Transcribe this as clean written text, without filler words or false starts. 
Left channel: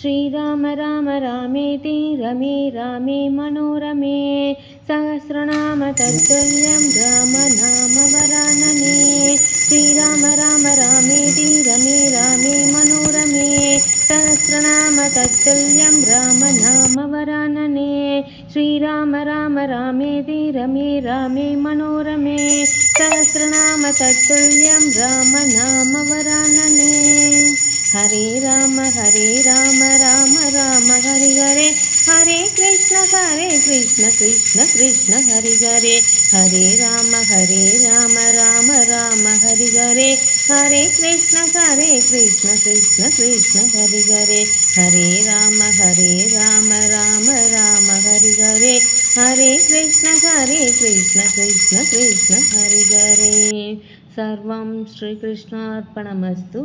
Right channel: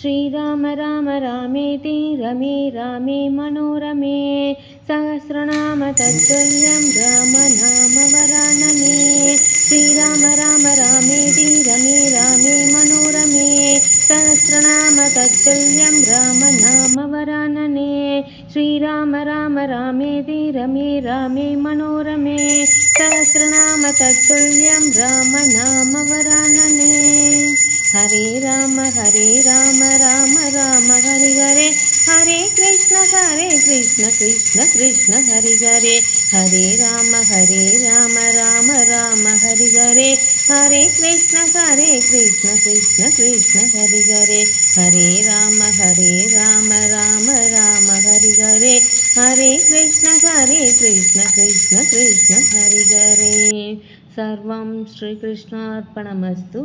श्रीराम राम रामेति रमे रामे मनोरमे सहस्रनाम तत्तुल्यं रामनामवरानने श्रीराम राम रामेति रमे रामे मनोरमे सहस्रनाम तत्तुल्यं रामनामवरानने श्रीराम राम रामेति रमे रामे मनोरमे सहस्रनाम तत्तुल्यं रामनामवरानने हरे राम राम राम हरि हरे हरे कृष्ण कृष्ण कृष्ण हरि हरे हरे राम राम हरि हरे हरे कृष्ण कृष्ण कृष्ण हरि हरे हरे राम राम हरि हरे हरे कृष्ण कृष्ण कृष्ण हरि हरे सर्वं श्रीकृष्णार्पणमस्तु।